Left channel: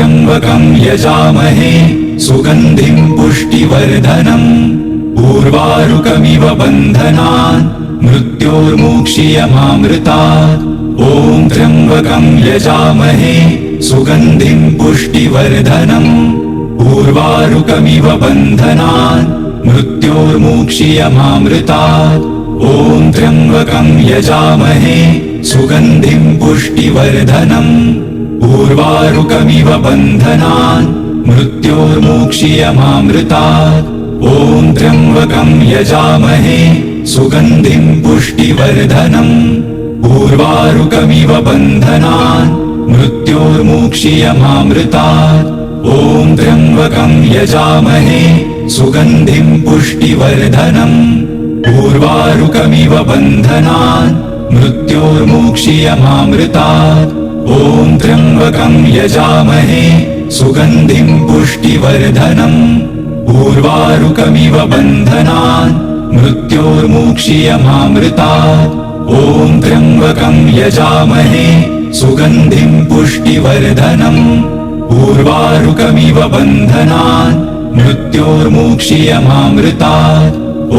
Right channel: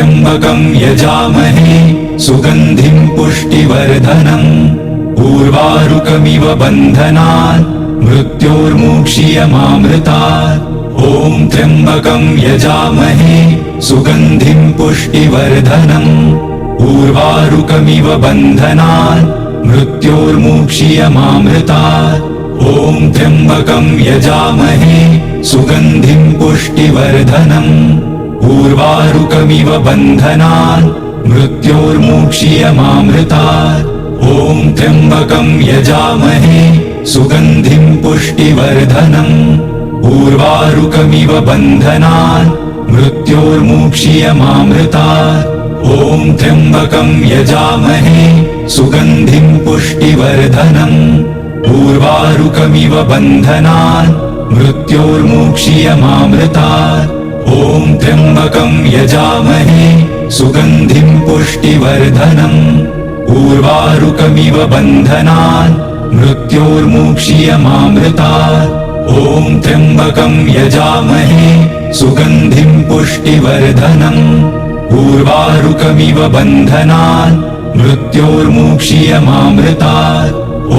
त्र्यम्बकं यजामहे सुगन्धिं पुष्टिवर्धनम् उर्वारुकमिव बन्धनान् मृत्योर्मुक्षीयमामृतात् ॐ त्र्यम्बकं यजामहे सुगन्धिं पुष्टिवर्धनम् उर्वारुकमिव बन्धनान् मृत्योर्मुक्षीयमामृतात् ॐ त्र्यम्बकं यजामहे सुगन्धिं पुष्टिवर्धनम् उर्वारुकमिव बन्धनान् मृत्योर्मुक्षीयमामृतात् ॐ त्र्यम्बकं यजामहे सुगन्धिं पुष्टिवर्धनम् उर्वारुकमिव बन्धनान् मृत्योर्मुक्षीयमामृतात् ॐ त्र्यम्बकं यजामहे सुगन्धिं पुष्टिवर्धनम् उर्वारुकमिव बन्धनान् मृत्योर्मुक्षीयमामृतात् ॐ त्र्यम्बकं यजामहे सुगन्धिं पुष्टिवर्धनम् उर्वारुकमिव बन्धनान् मृत्योर्मुक्षीयमामृतात् ॐ त्र्यम्बकं यजामहे सुगन्धिं पुष्टिवर्धनम् उर्वारुकमिव बन्धनान् मृत्योर्मुक्षीयमामृतात् ॐ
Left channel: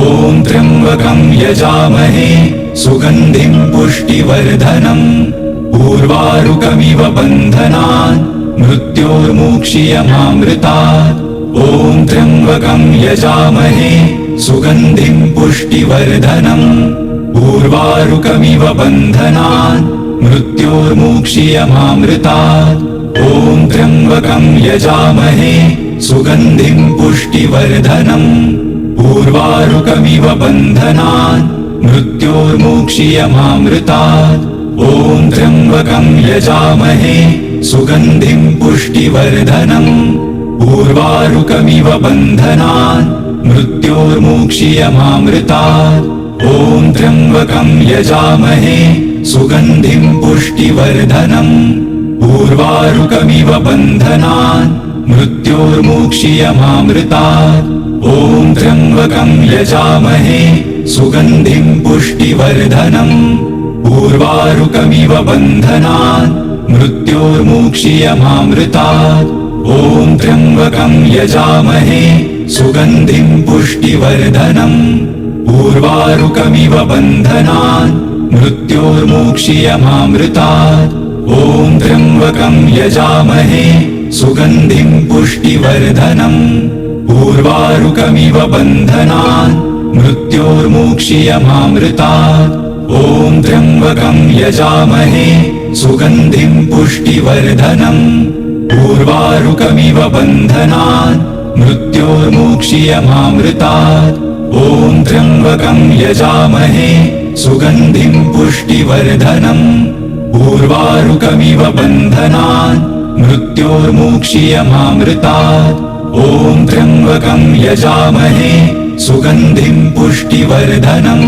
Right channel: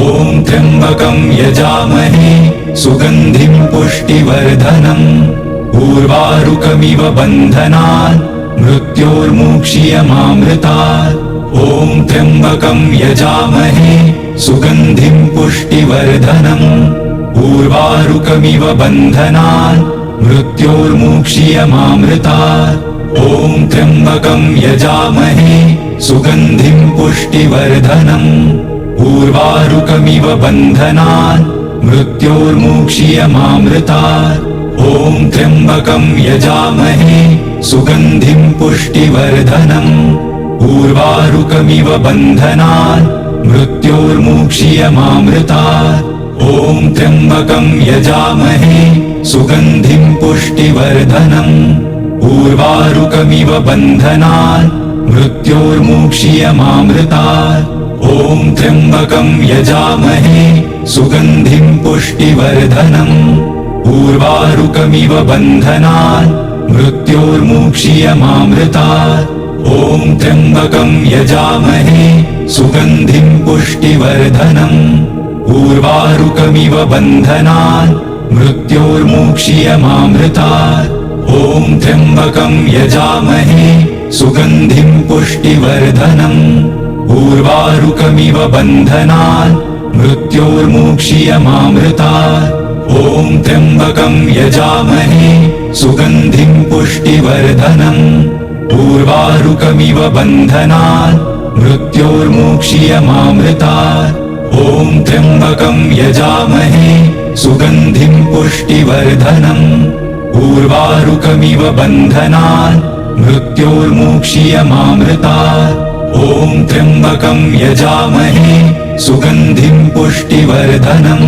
त्र्यम्बकं यजामहे सुगन्धिं पुष्टिवर्धनम् उर्वारुकमिव बन्धनान् मृत्योर्मुक्षीयमामृतात् ॐ त्र्यम्बकं यजामहे सुगन्धिं पुष्टिवर्धनम् उर्वारुकमिव बन्धनान् मृत्योर्मुक्षीयमामृतात् ॐ त्र्यम्बकं यजामहे सुगन्धिं पुष्टिवर्धनम् उर्वारुकमिव बन्धनान् मृत्योर्मुक्षीयमामृतात् ॐ त्र्यम्बकं यजामहे सुगन्धिं पुष्टिवर्धनम् उर्वारुकमिव बन्धनान् मृत्योर्मुक्षीयमामृतात् ॐ त्र्यम्बकं यजामहे सुगन्धिं पुष्टिवर्धनम् उर्वारुकमिव बन्धनान् मृत्योर्मुक्षीयमामृतात् ॐ त्र्यम्बकं यजामहे सुगन्धिं पुष्टिवर्धनम् उर्वारुकमिव बन्धनान् मृत्योर्मुक्षीयमामृतात् ॐ त्र्यम्बकं यजामहे सुगन्धिं पुष्टिवर्धनम् उर्वारुकमिव बन्धनान् मृत्योर्मुक्षीयमामृतात् ॐ त्र्यम्बकं यजामहे सुगन्धिं पुष्टिवर्धनम् उर्वारुकमिव बन्धनान् मृत्योर्मुक्षीयमामृतात् ॐ त्र्यम्बकं यजामहे सुगन्धिं पुष्टिवर्धनम् उर्वारुकमिव बन्धनान् मृत्योर्मुक्षीयमामृतात् ॐ त्र्यम्बकं यजामहे सुगन्धिं पुष्टिवर्धनम् उर्वारुकमिव बन्धनान् मृत्योर्मुक्षीयमामृतात् ॐ त्र्यम्बकं यजामहे सुगन्धिं पुष्टिवर्धनम्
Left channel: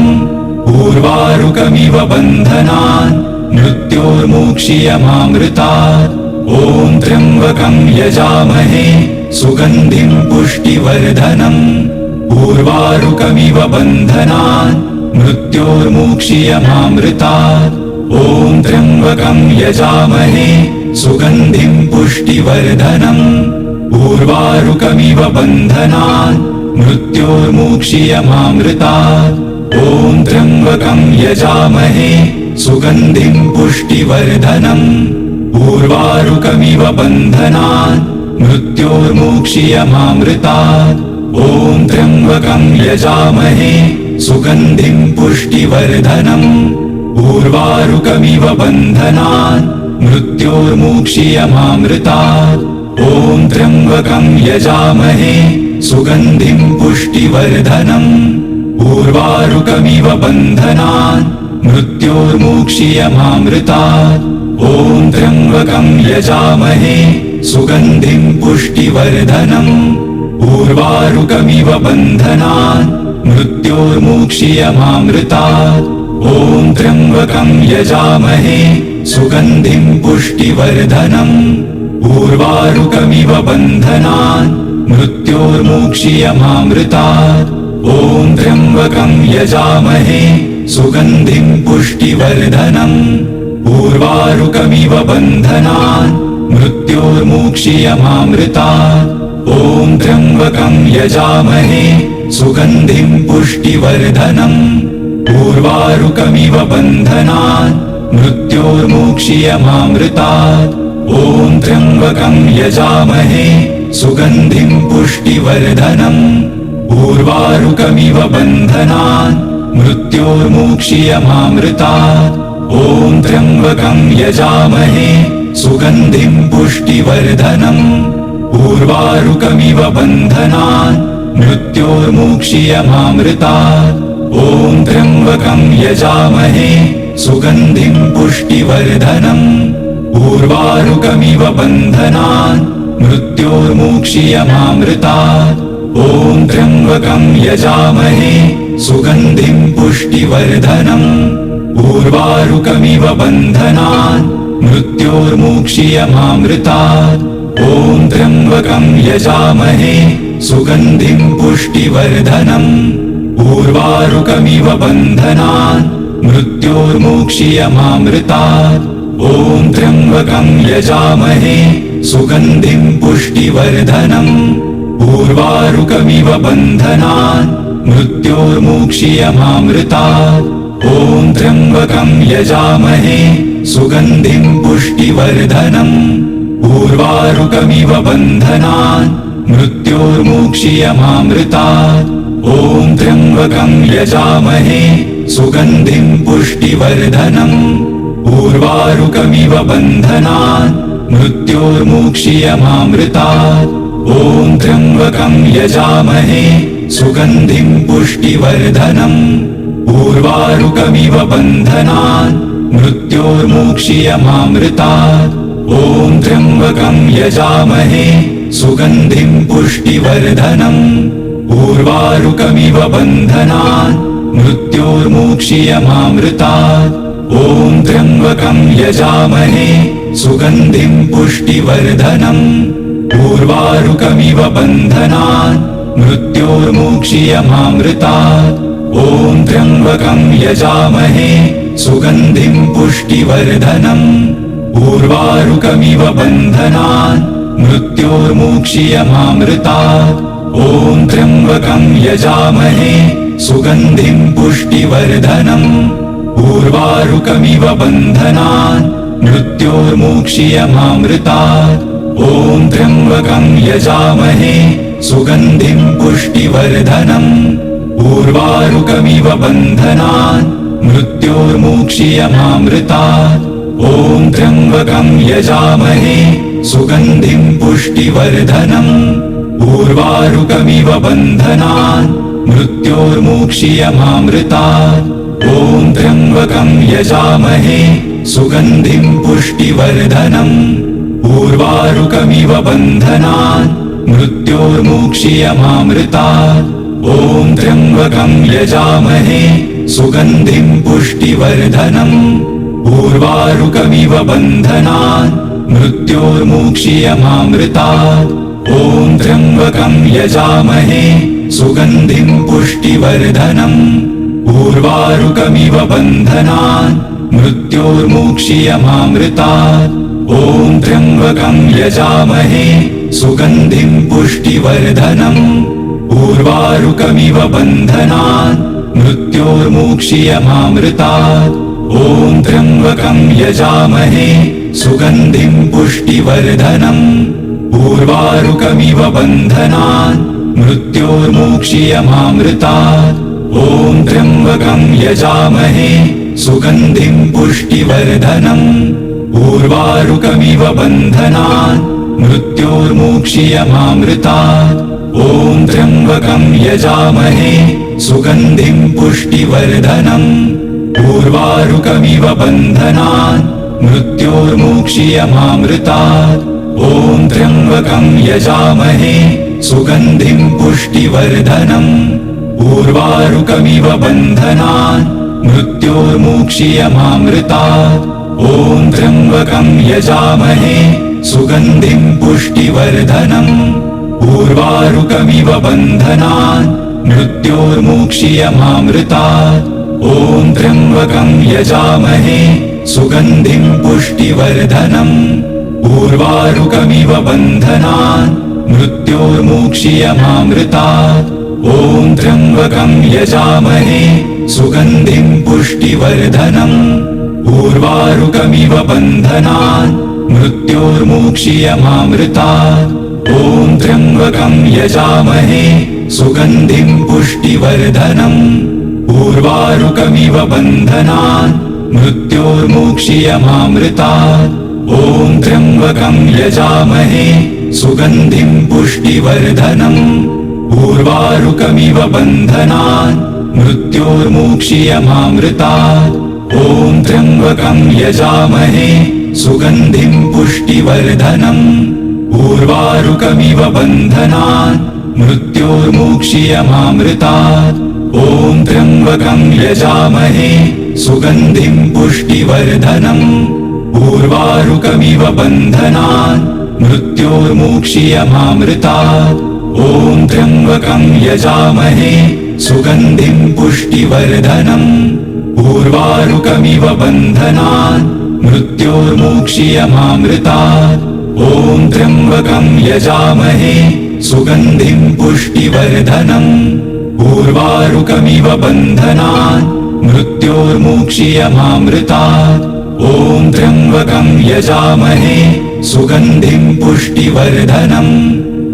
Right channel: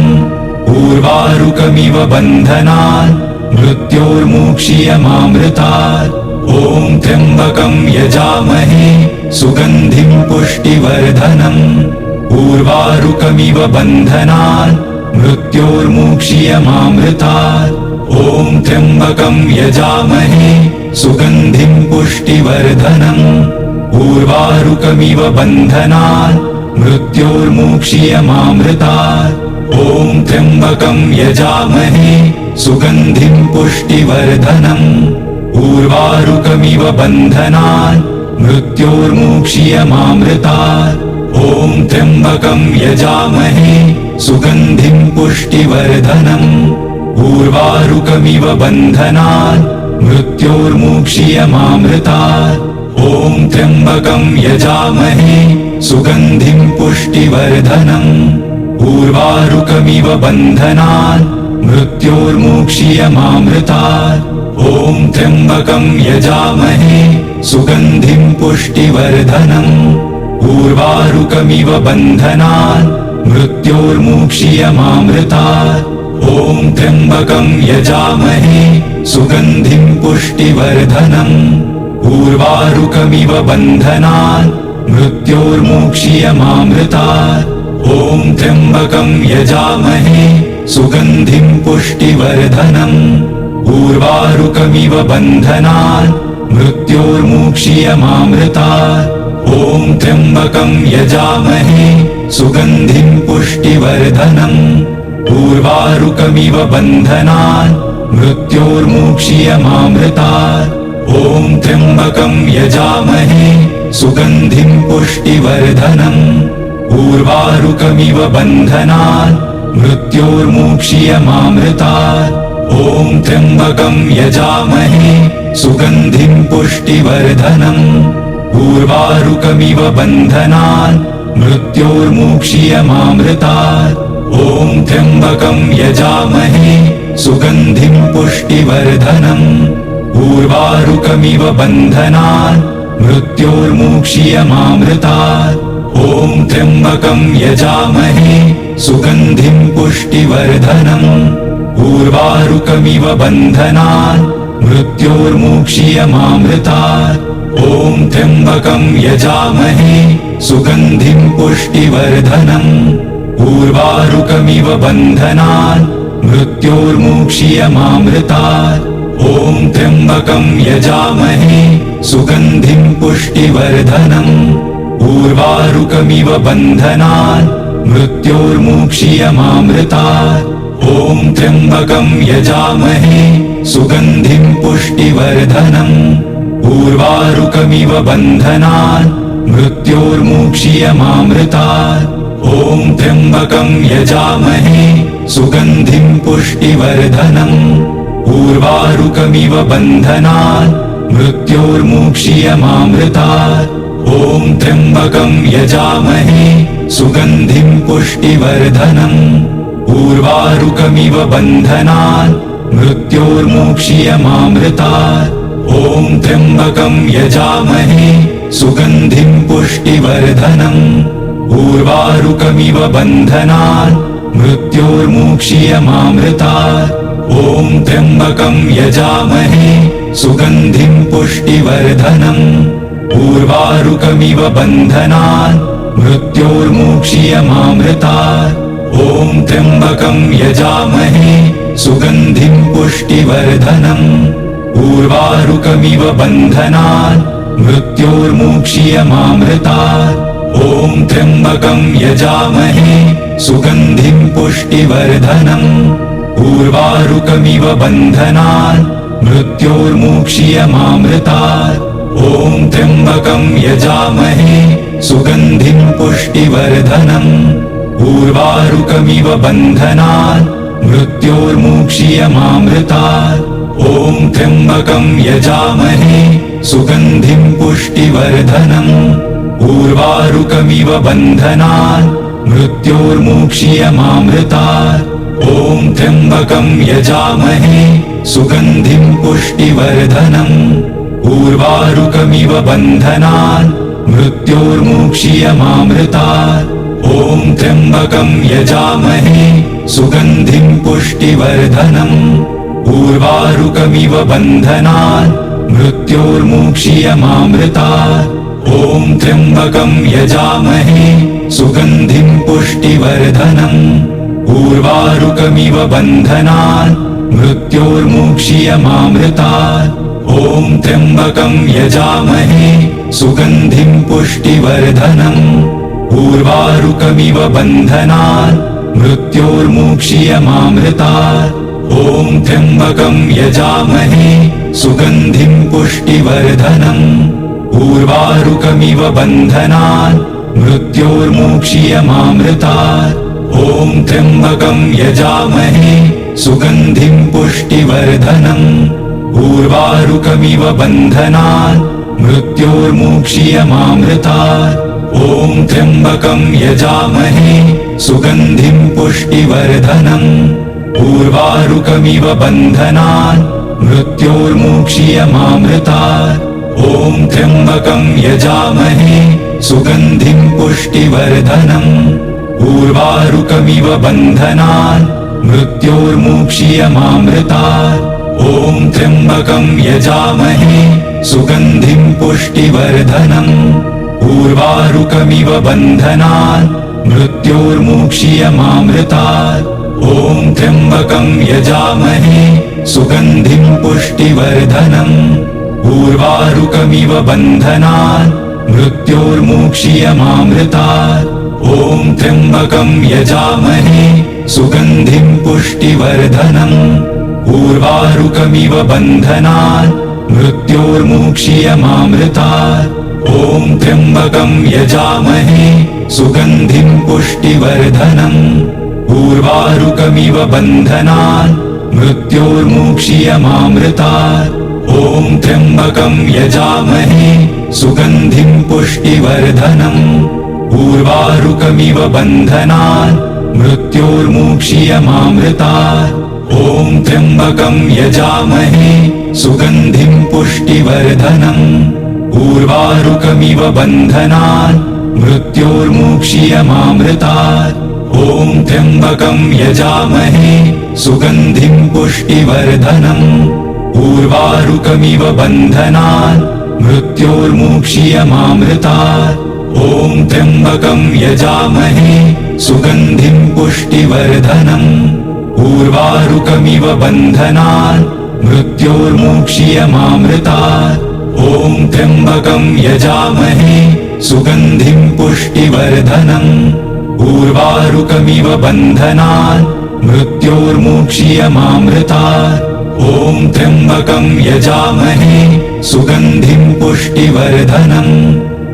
उर्वारुकमिव बन्धनान् मृत्योर्मुक्षीयमामृतात् ॐ त्र्यम्बकं यजामहे सुगन्धिं पुष्टिवर्धनम् उर्वारुकमिव बन्धनान् मृत्योर्मुक्षीयमामृतात् ॐ त्र्यम्बकं यजामहे सुगन्धिं पुष्टिवर्धनम् उर्वारुकमिव बन्धनान् मृत्योर्मुक्षीयमामृतात् ॐ त्र्यम्बकं यजामहे सुगन्धिं पुष्टिवर्धनम् उर्वारुकमिव बन्धनान् मृत्योर्मुक्षीयमामृतात् ॐ त्र्यम्बकं यजामहे सुगन्धिं पुष्टिवर्धनम् उर्वारुकमिव बन्धनान् मृत्योर्मुक्षीयमामृतात् ॐ त्र्यम्बकं यजामहे सुगन्धिं पुष्टिवर्धनम् उर्वारुकमिव बन्धनान् मृत्योर्मुक्षीयमामृतात् ॐ त्र्यम्बकं यजामहे सुगन्धिं पुष्टिवर्धनम् उर्वारुकमिव बन्धनान् मृत्योर्मुक्षीयमामृतात् ॐ त्र्यम्बकं यजामहे सुगन्धिं पुष्टिवर्धनम् उर्वारुकमिव बन्धनान् मृत्योर्मुक्षीयमामृतात् ॐ त्र्यम्बकं यजामहे सुगन्धिं पुष्टिवर्धनम् उर्वारुकमिव बन्धनान् मृत्योर्मुक्षीयमामृतात्। ॐ त्र्यम्बकं यजामहे सुगन्धिं पुष्टिवर्धनम्। उर्वारुकमिव बन्धनान् मृत्योर्मुक्षीयमामृतात्। ॐ त्र्यम्बकं यजामहे सुगन्धिं पुष्टिवर्धनम्। उर्वारुकमिव बन्धनान् मृत्योर्मुक्षीयमामृतात्। ॐ त्र्यम्बकं यजामहे सुगन्धिं पुष्टिवर्धनम्। उर्वारुकमिव बन्धनान् मृत्योर्मुक्षीयमामृतात्। ॐ त्र्यम्बकं यजामहे सुगन्धिं पुष्टिवर्धनम्। उर्वारुकमिव बन्धनान् मृत्योर्मुक्षीयमामृतात्। ॐ त्र्यम्बकं यजामहे सुगन्धिं पुष्टिवर्धनम्। उर्वारुकमिव बन्धनान् मृत्योर्मुक्षीयमामृतात्। ॐ त्र्यम्बकं यजामहे सुगन्धिं पुष्टिवर्धनम्। उर्वारुकमिव बन्धनान् मृत्योर्मुक्षीयमामृतात्। ॐ त्र्यम्बकं यजामहे सुगन्धिं पुष्टिवर्धनम्। उर्वारुकमिव बन्धनान् मृत्योर्मुक्षीयमामृतात्। ॐ त्र्यम्बकं यजामहे सुगन्धिं पुष्टिवर्धनम्। उर्वारुकमिव बन्धनान् मृत्योर्मुक्षीयमामृतात्। ॐ त्र्यम्बकं यजामहे सुगन्धिं पुष्टिवर्धनम्। उर्वारुकमिव बन्धनान् मृत्योर्मुक्षीयमामृतात्। ॐ त्र्यम्बकं यजामहे सुगन्धिं पुष्टिवर्धनम्। उर्वारुकमिव बन्धनान् मृत्योर्मुक्षीयमामृतात्। ॐ त्र्यम्बकं यजामहे सुगन्धिं पुष्टिवर्धनम्। उर्वारुकमिव बन्धनान् मृत्योर्मुक्षीयमामृतात्। ॐ त्र्यम्बकं यजामहे सुगन्धिं पुष्टिवर्धनम्। उर्वारुकमिव बन्धनान् मृत्योर्मुक्षीयमामृतात्। ॐ त्र्यम्बकं यजामहे सुगन्धिं पुष्टिवर्धनम्। उर्वारुकमिव बन्धनान् मृत्योर्मुक्षीयमामृतात्। ॐ त्र्यम्बकं यजामहे सुगन्धिं पुष्टिवर्धनम्। उर्वारुकमिव बन्धनान् मृत्योर्मुक्षीयमामृतात्। ॐ त्र्यम्बकं यजामहे सुगन्धिं पुष्टिवर्धनम्। उर्वारुकमिव बन्धनान् मृत्योर्मुक्षीयमामृतात्। ॐ त्र्यम्बकं यजामहे सुगन्धिं पुष्टिवर्धनम्। उर्वारुकमिव बन्धनान् मृत्योर्मुक्षीयमामृतात्। ॐ त्र्यम्बकं यजामहे सुगन्धिं पुष्टिवर्धनम्। उर्वारुकमिव बन्धनान् मृत्योर्मुक्षीयमामृतात्। ॐ त्र्यम्बकं यजामहे सुगन्धिं पुष्टिवर्धनम्। उर्वारुकमिव बन्धनान् मृत्योर्मुक्षीयमामृतात्। ॐ त्र्यम्बकं यजामहे सुगन्धिं पुष्टिवर्धनम्। उर्वारुकमिव बन्धनान् मृत्योर्मुक्षीयमामृतात्। ॐ त्र्यम्बकं यजामहे सुगन्धिं पुष्टिवर्धनम्। उर्वारुकमिव बन्धनान् मृत्योर्मुक्षीयमामृतात्। ॐ त्र्यम्बकं यजामहे सुगन्धिं पुष्टिवर्धनम्। उर्वारुकमिव बन्धनान् मृत्योर्मुक्षीयमामृतात्। ॐ त्र्यम्बकं यजामहे सुगन्धिं पुष्टिवर्धनम्। उर्वारुकमिव बन्धनान् मृत्योर्मुक्षीयमामृतात्। ॐ त्र्यम्बकं यजामहे सुगन्धिं पुष्टिवर्धनम्। उर्वारुकमिव बन्धनान् मृत्योर्मुक्षीयमामृतात्। ॐ त्र्यम्बकं यजामहे सुगन्धिं पुष्टिवर्धनम्। उर्वारुकमिव बन्धनान् मृत्योर्मुक्षीयमामृतात्। ॐ त्र्यम्बकं यजामहे सुगन्धिं पुष्टिवर्धनम्। उर्वारुकमिव बन्धनान् मृत्योर्मुक्षीयमामृतात्। ॐ त्र्यम्बकं यजामहे सुगन्धिं पुष्टिवर्धनम्। उर्वारुकमिव बन्धनान् मृत्योर्मुक्ष्यमामृतात्। ॐ त्र्यम्बकं यजामहे सुगन्धिं पुष्टिवर्धनम्। उर्वारुकमिव बन्धनान् मृत्योर्मुक्ष्यमामृतात्। ॐ त्र्यम्बकं यजामहे सुगन्धिं पुष्टिवर्धनम्। उर्वारुकमिव बन्धनान् मृत्योर्मुक्ष्यमामृतात्। ॐ त्र्यम्बकं यजामहे सुगन्धिं पुष्टिवर्धनम्। उर्वारुकमिव बन्धनान् मृत्योर्मुक्ष्यमामृतात्। ॐ त्र्यम्बकं यजामहे सुगन्धिं पुष्टिवर्धनम्। उर्वारुकमिव बन्धनान् मृत्योर्मुक्ष्यमामृतात्। ॐ त्र्यम्बकं यजामहे सुगन्धिं पुष्टिवर्धनम्। उर्वारुकमिव बन्धनान् मृत्योर्मुक्ष्यमामृतात्। ॐ त्र्यम्बकं यजामहे सुगन्धिं पुष्टिवर्धनम्। उर्वारुकमिव बन्धनान् मृत्योर्मुक्ष्यमामृतात्। ॐ त्र्यम्बकं यजामहे सुगन्धिं पुष्टिवर्धनम्। उर्वारुकमिव बन्धनान् मृत्योर्मुक्ष्यमामृतात्। ॐ त्र्यम्बकं यजामहे सुगन्धिं पुष्टिवर्धनम्।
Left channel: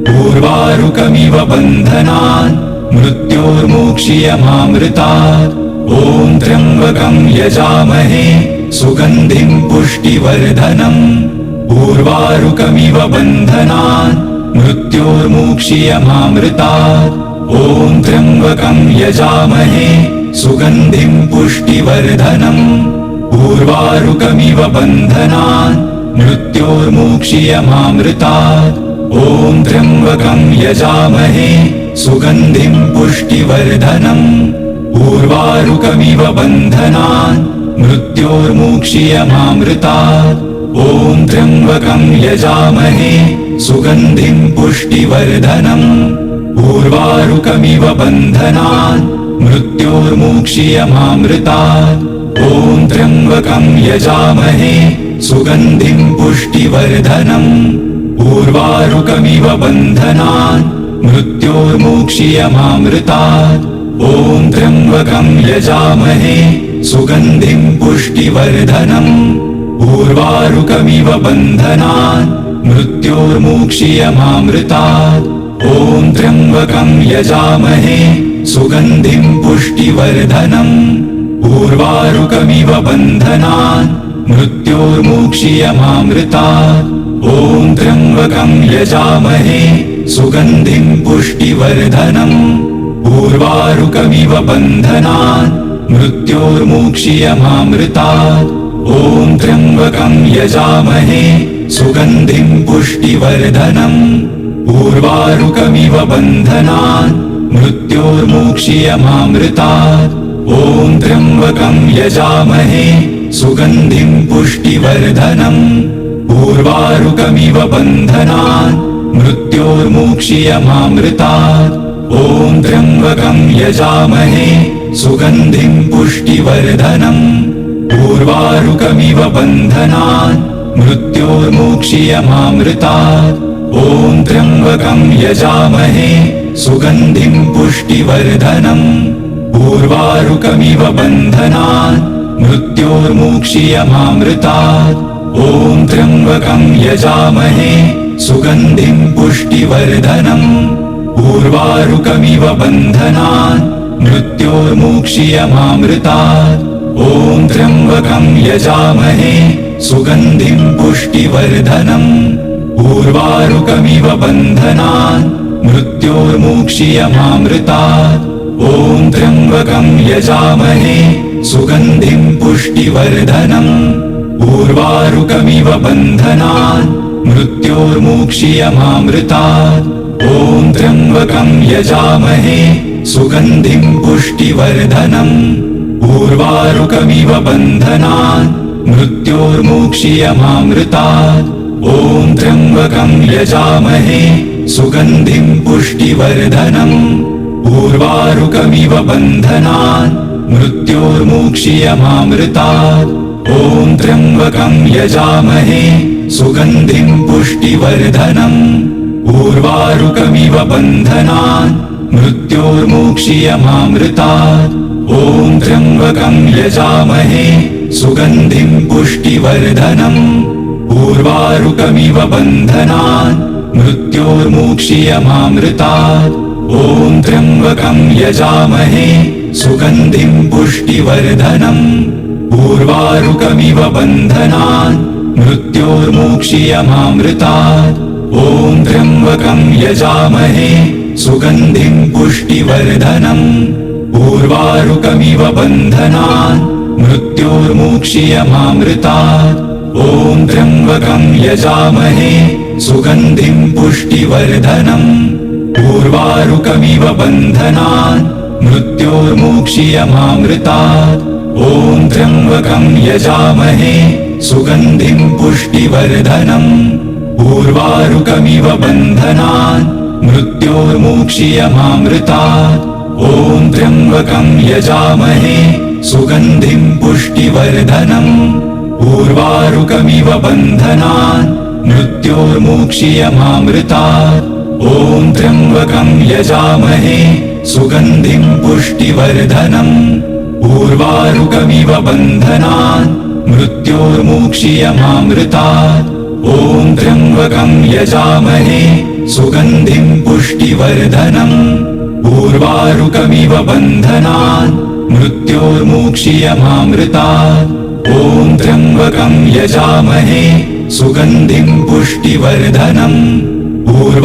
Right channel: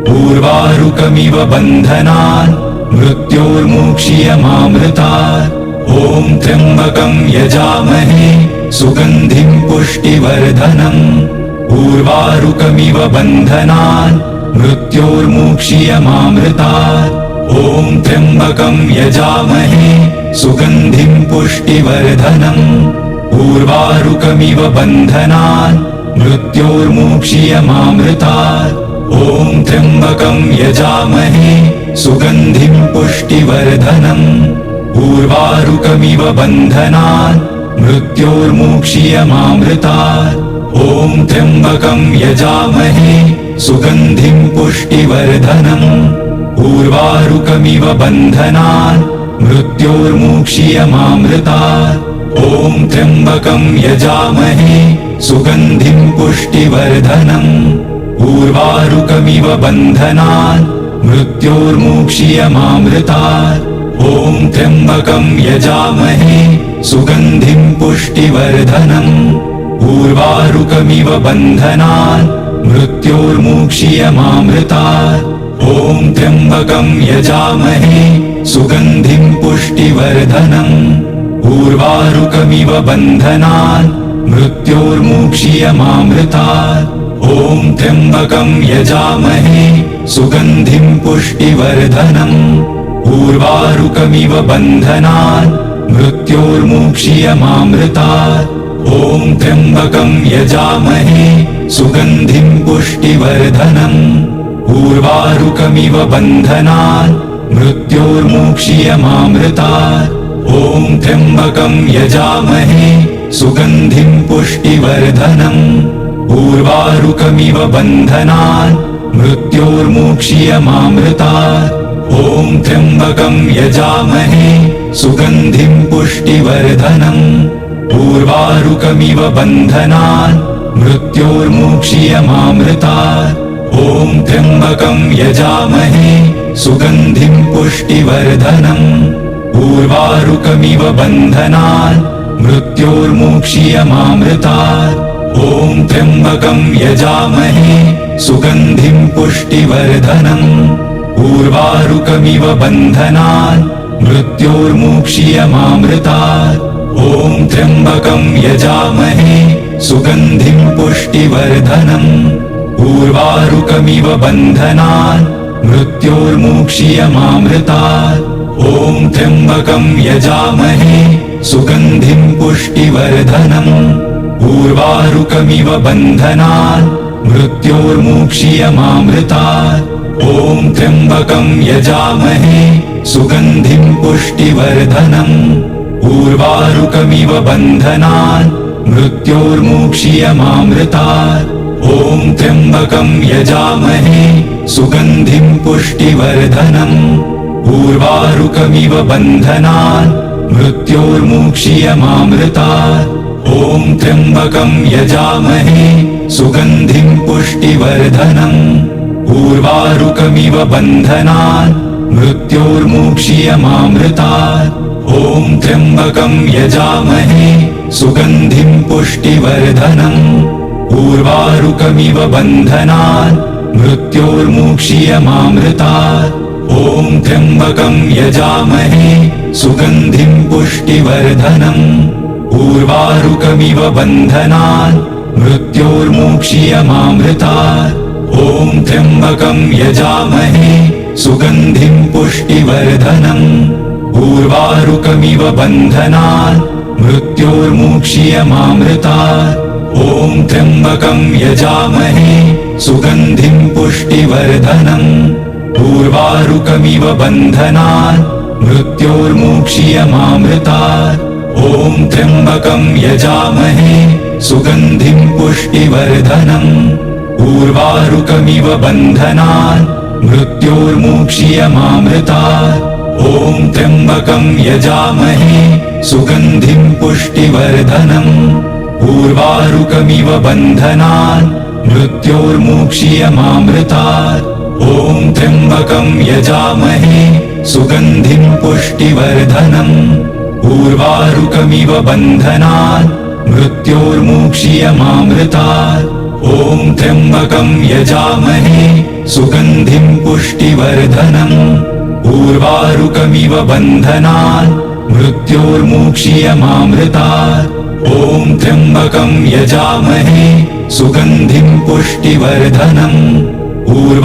उर्वारुकमिव बन्धनान् मृत्योर्मुक्ष्यमामृतात्। ॐ त्र्यम्बकं यजामहे सुगन्धिं पुष्टिवर्धनम्। उर्वारुकमिव बन्धनान् मृत्योर्मुक्ष्यमामृतात्। ॐ त्र्यम्बकं यजामहे सुगन्धिं पुष्टिवर्धनम्। उर्वारुकमिव बन्धनान् मृत्योर्मुक्ष्यमामृतात्। ॐ त्र्यम्बकं यजामहे सुगन्धिं पुष्टिवर्धनम्। उर्वारुकमिव बन्धनान् मृत्योर्मुक्ष्यमामृतात्। ॐ त्र्यम्बकं यजामहे सुगन्धिं पुष्टिवर्धनम्। उर्वारुकमिव बन्धनान् मृत्योर्मुक्ष्यमामृतात्। ॐ त्र्यम्बकं यजामहे सुगन्धिं पुष्टिवर्धनम्। उर्वारुकमिव बन्धनान् मृत्योर्मुक्ष्यमामृतात्। ॐ त्र्यम्बकं यजामहे सुगन्धिं पुष्टिवर्धनम्। उर्वारुकमिव बन्धनान् मृत्योर्मुक्ष्यमामृतात्। ॐ त्र्यम्बकं यजामहे सुगन्धिं पुष्टिवर्धनम्। उर्वारुकमिव बन्धनान् मृत्योर्मुक्ष्यमामृतात्। ॐ त्र्यम्बकं यजामहे सुगन्धिं पुष्टिवर्धनम्। उर्वारुकमिव बन्धनान् मृत्योर्मुक्ष्यमामृतात्। ॐ त्र्यम्बकं यजामहे सुगन्धिं पुष्टिवर्धनम्। उर्वारुकमिव बन्धनान् मृत्योर्मुक्ष्यमामृतात्। ॐ त्र्यम्बकं यजामहे सुगन्धिं पुष्टिवर्धनम्। उर्वारुकमिव बन्धनान् मृत्योर्मुक्ष्यमामृतात्। ॐ त्र्यम्बकं यजामहे सुगन्धिं पुष्टिवर्धनम्। उर्वारुकमिव बन्धनान् मृत्योर्मुक्ष्यमामृतात्। ॐ त्र्यम्बकं यजामहे सुगन्धिं पुष्टिवर्धनम्। उर्वारुकमिव बन्धनान् मृत्योर्मुक्ष्यमामृतात्। ॐ त्र्यम्बकं यजामहे सुगन्धिं पुष्टिवर्धनम्। उर्वारुकमिव बन्धनान् मृत्योर्मुक्ष्यमामृतात्। ॐ त्र्यम्बकं यजामहे सुगन्धिं पुष्टिवर्धनम्। उर्वारुकमिव बन्धनान् मृत्योर्मुक्ष्यमामृतात्। ॐ त्र्यम्बकं यजामहे सुगन्धिं पुष्टिवर्धनम्। उर्वारुकमिव बन्धनान् मृत्योर्मुक्ष्यमामृतात्। ॐ त्र्यम्बकं यजामहे सुगन्धिं पुष्टिवर्धनम्। उर्वारुकमिव बन्धनान् मृत्योर्मुक्ष्यमामृतात्। ॐ त्र्यम्बकं यजामहे सुगन्धिं पुष्टिवर्धनम्। उर्वारुकमिव बन्धनान् मृत्योर्मुक्ष्यमामृतात्। ॐ ॐ त्र्यम्बकं यजामहे सुगन्धिं पुष्टिवर्धनम् उर्वारुकमिव बन्धनान् मृत्योर्मुक्षीयमामृतात् ॐ त्र्यम्बकं यजामहे सुगन्धिं पुष्टिवर्धनम् उर्वारुकमिव बन्धनान् मृत्योर्मुक्षीयमामृतात् ॐ त्र्यम्बकं यजामहे सुगन्धिं पुष्टिवर्धनम् उर्वारुकमिव बन्धनान् मृत्योर्मुक्षीयमामृतात् ॐ त्र्यम्बकं यजामहे सुगन्धिं पुष्टिवर्धनम् उर्वारुकमिव बन्धनान् मृत्योर्मुक्षीयमामृतात् ॐ त्र्यम्बकं यजामहे सुगन्धिं पुष्टिवर्धनम् उर्वारुकमिव बन्धनान् मृत्योर्मुक्षीयमामृतात् ॐ त्र्यम्बकं यजामहे सुगन्धिं पुष्टिवर्धनम् उर्वारुकमिव बन्धनान् मृत्योर्मुक्षीयमामृतात् ॐ त्र्यम्बकं यजामहे सुगन्धिं पुष्टिवर्धनम् उर्वारुकमिव बन्धनान् मृत्योर्मुक्षीयमामृतात् ॐ त्र्यम्बकं यजामहे सुगन्धिं पुष्टिवर्धनम् उर्वारुकमिव बन्धनान् मृत्योर्मुक्षीयमामृतात् ॐ त्र्यम्बकं यजामहे सुगन्धिं पुष्टिवर्धनम् उर्वारुकमिव बन्धनान् मृत्योर्मुक्षीयमामृतात् ॐ त्र्यम्बकं यजामहे सुगन्धिं पुष्टिवर्धनम्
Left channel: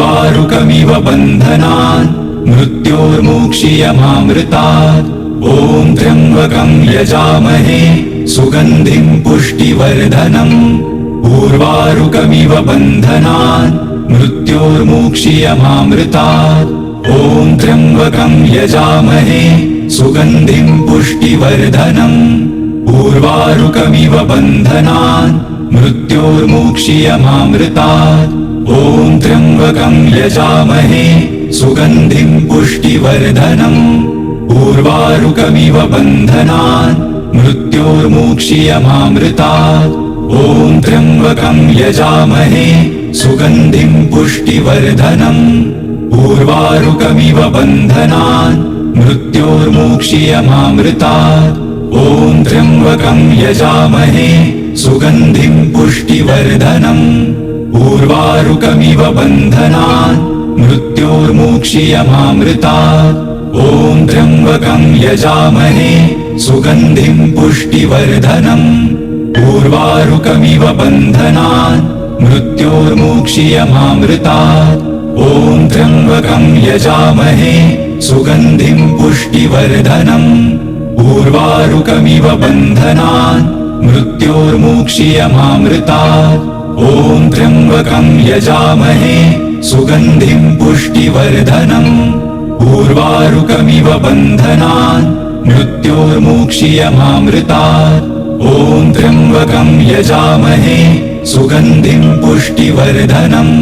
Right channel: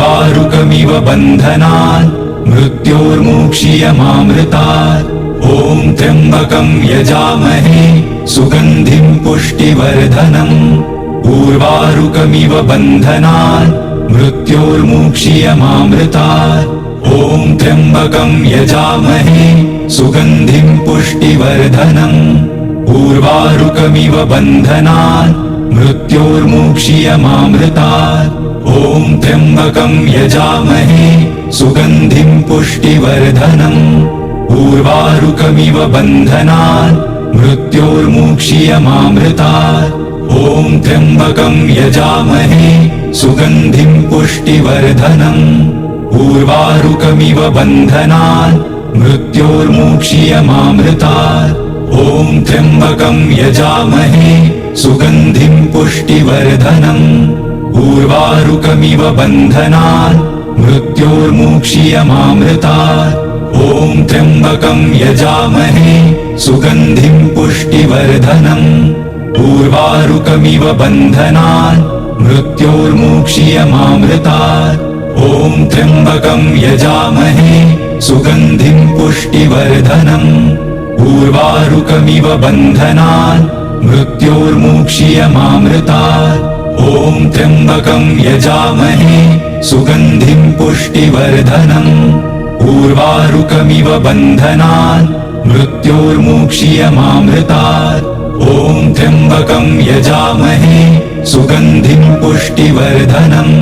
उर्वारुकमिव बन्धनान् मृत्योर्मुक्षीयमामृतात् ॐ त्र्यम्बकं यजामहे सुगन्धिं पुष्टिवर्धनम् उर्वारुकमिव बन्धनान् मृत्योर्मुक्षीयमामृतात् ॐ त्र्यम्बकं यजामहे सुगन्धिं पुष्टिवर्धनम् उर्वारुकमिव बन्धनान् मृत्योर्मुक्षीयमामृतात् ॐ त्र्यम्बकं यजामहे सुगन्धिं पुष्टिवर्धनम् उर्वारुकमिव बन्धनान् मृत्योर्मुक्षीयमामृतात् ॐ त्र्यम्बकं यजामहे सुगन्धिं पुष्टिवर्धनम् उर्वारुकमिव बन्धनान् मृत्योर्मुक्षीयमामृतात् ॐ त्र्यम्बकं यजामहे सुगन्धिं पुष्टिवर्धनम् उर्वारुकमिव बन्धनान् मृत्योर्मुक्षीयमामृतात् ॐ त्र्यम्बकं यजामहे सुगन्धिं पुष्टिवर्धनम् उर्वारुकमिव बन्धनान् मृत्योर्मुक्षीयमामृतात् ॐ त्र्यम्बकं यजामहे सुगन्धिं पुष्टिवर्धनम् उर्वारुकमिव बन्धनान् मृत्योर्मुक्षीयमामृतात् ॐ त्र्यम्बकं यजामहे सुगन्धिं पुष्टिवर्धनम् उर्वारुकमिव बन्धनान् मृत्योर्मुक्षीयमामृतात् ॐ त्र्यम्बकं यजामहे सुगन्धिं पुष्टिवर्धनम्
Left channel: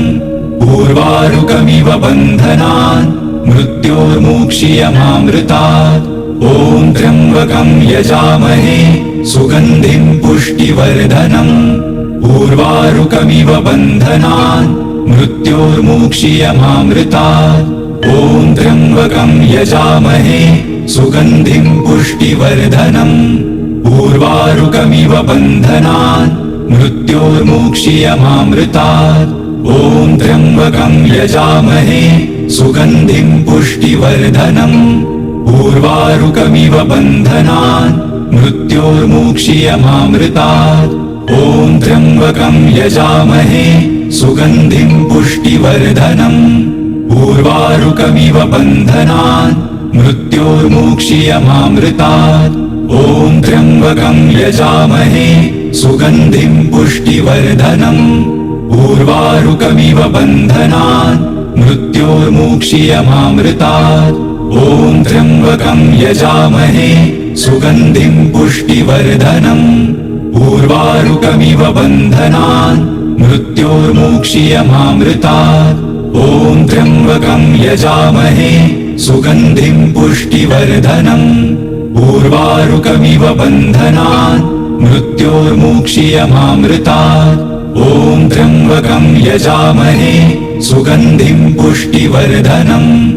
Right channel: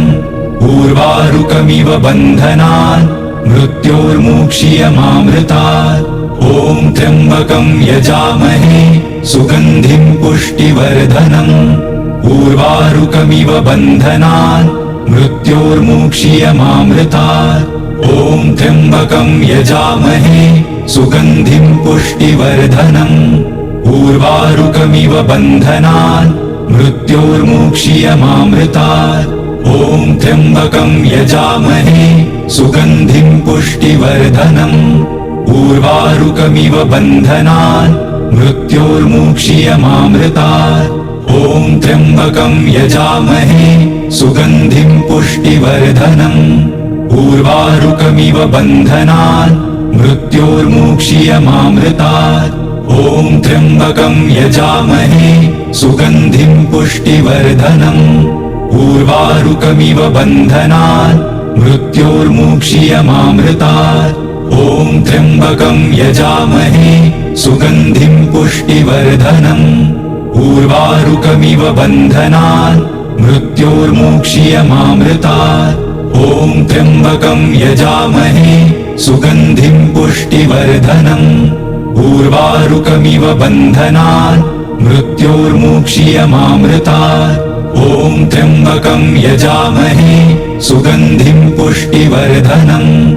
उर्वारुकमिव बन्धनान् मृत्योर्मुक्षीयमामृतात् ॐ त्र्यम्बकं यजामहे सुगन्धिं पुष्टिवर्धनम् उर्वारुकमिव बन्धनान् मृत्योर्मुक्षीयमामृतात् ॐ त्र्यम्बकं यजामहे सुगन्धिं पुष्टिवर्धनम् उर्वारुकमिव बन्धनान् मृत्योर्मुक्षीयमामृतात् ॐ त्र्यम्बकं यजामहे सुगन्धिं पुष्टिवर्धनम् उर्वारुकमिव बन्धनान् मृत्योर्मुक्षीयमामृतात् ॐ त्र्यम्बकं यजामहे सुगन्धिं पुष्टिवर्धनम् उर्वारुकमिव बन्धनान् मृत्योर्मुक्षीयमामृतात् ॐ त्र्यम्बकं यजामहे सुगन्धिं पुष्टिवर्धनम् उर्वारुकमिव बन्धनान् मृत्योर्मुक्षीयमामृतात् ॐ त्र्यम्बकं यजामहे सुगन्धिं पुष्टिवर्धनम् उर्वारुकमिव बन्धनान् मृत्योर्मुक्षीयमामृतात् ॐ त्र्यम्बकं यजामहे सुगन्धिं पुष्टिवर्धनम् उर्वारुकमिव बन्धनान् मृत्योर्मुक्षीयमामृतात्। ॐ त्र्यम्बकं यजामहे सुगन्धिं पुष्टिवर्धनम्।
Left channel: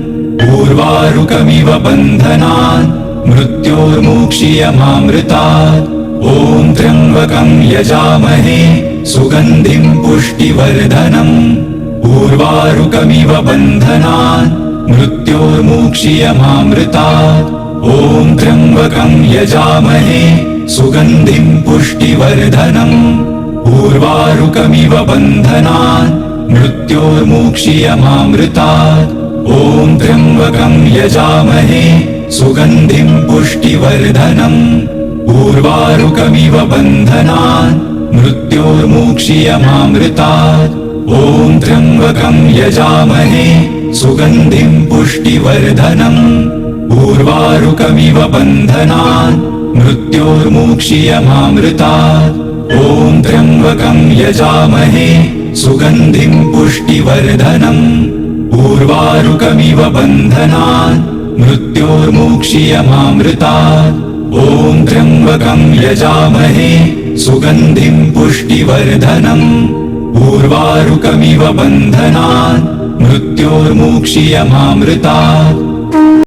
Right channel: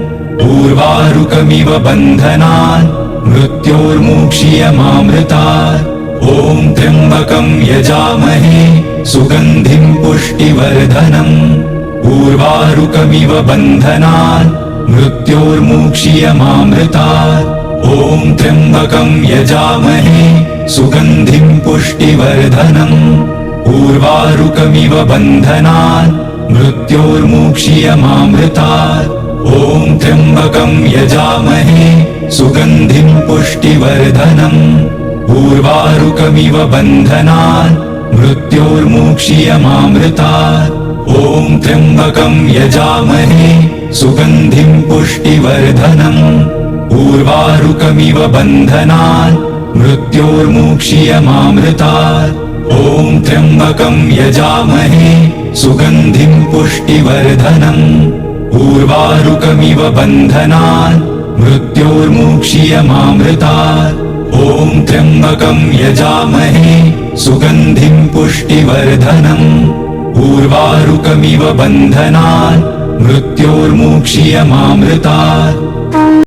उर्वारुकमिव बन्धनान् मृत्योर्मुक्षीयमामृतात्। ॐ त्र्यम्बकं यजामहे सुगन्धिं पुष्टिवर्धनम्। उर्वारुकमिव बन्धनान् मृत्योर्मुक्षीयमामृतात्। ॐ त्र्यम्बकं यजामहे सुगन्धिं पुष्टिवर्धनम्। उर्वारुकमिव बन्धनान् मृत्योर्मुक्षीयमामृतात्। ॐ त्र्यम्बकं यजामहे सुगन्धिं पुष्टिवर्धनम्। उर्वारुकमिव बन्धनान् मृत्योर्मुक्षीयमामृतात्। ॐ त्र्यम्बकं यजामहे सुगन्धिं पुष्टिवर्धनम्। उर्वारुकमिव बन्धनान् मृत्योर्मुक्षीयमामृतात्। ॐ त्र्यम्बकं यजामहे सुगन्धिं पुष्टिवर्धनम्। उर्वारुकमिव बन्धनान् मृत्योर्मुक्षीयमामृतात्। ॐ त्र्यम्बकं यजामहे सुगन्धिं पुष्टिवर्धनम्। उर्वारुकमिव बन्धनान् मृत्योर्मुक्षीयमामृतात्।